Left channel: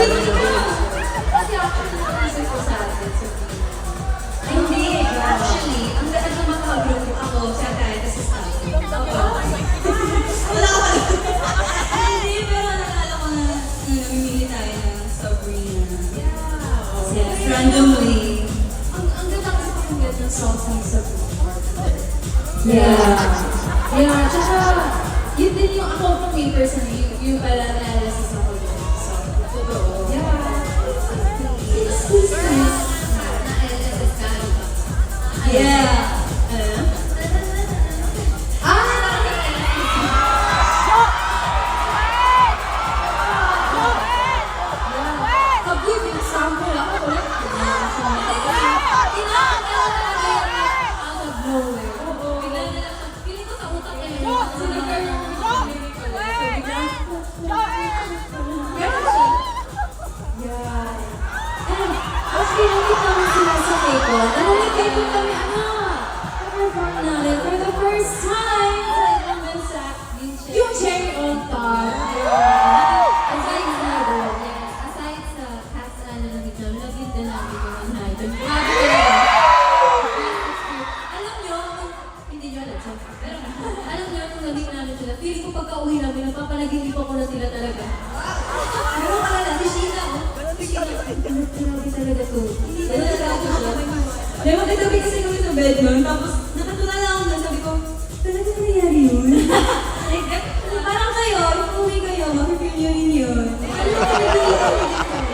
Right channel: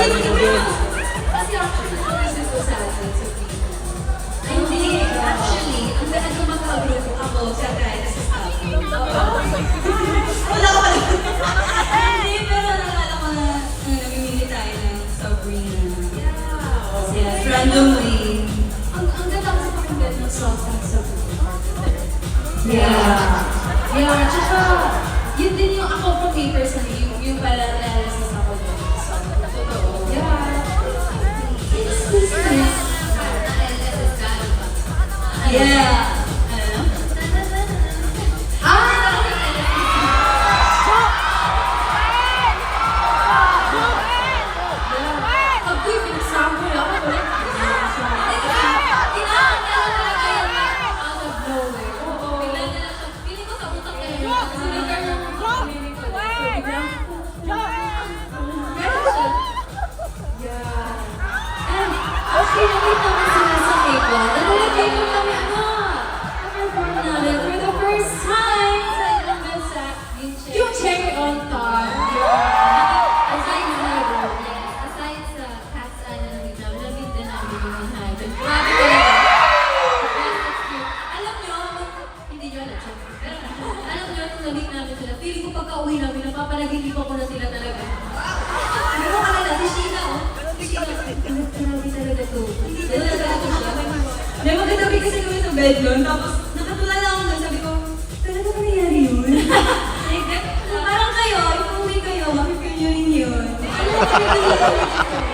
Kasi actually, naisip ko sa atin, Sabrina. Ay, hindi. Actually, ang ganda ng magkagrupo ako, siya kaya kasi sa akin. Wala ko pala. Hindi, pero nalala ko na namimili tayo ng Sabrina. Yes, randomly. Ang ganda kasi pakinggan ng songs ng Sabrina. Yeah. Yeah, tsaka, yun din yung ako for papers na yung pala realize sa ako din. So, totoo. Yeah. Please. Yeah. Good example ako ulit. Kinakakala talaga yan out of nowhere. Bigla na lang siya. Feeling ko sa utak eh. Biglang gano'n siya. Yeah. And, okay, hindi kami sila sa K-pop. Nalilagay-pop kami, perform namin for the first time sa ibang bansa. Yung cherry on top. Aside sa cast namin, lagyan din namin yung high. Grabe talaga. Alam nyo, hindi nyo alam siya. Alam nyo, kung nabit namin sila, feeling ko pagka-uwi namin, nagpapalaging ko na sila talaga. Ano mo ka na, Tishina, oh. Tishina, pinabi talaga to. Hindi talaga ako siya. May magkatabi kasi kami sa bed nun, tapos nakatulala ako na, sabi ko, talaga ba nangyari yun? Parang kayo, kung uwi kayo, makipil nyo rin yun. Ano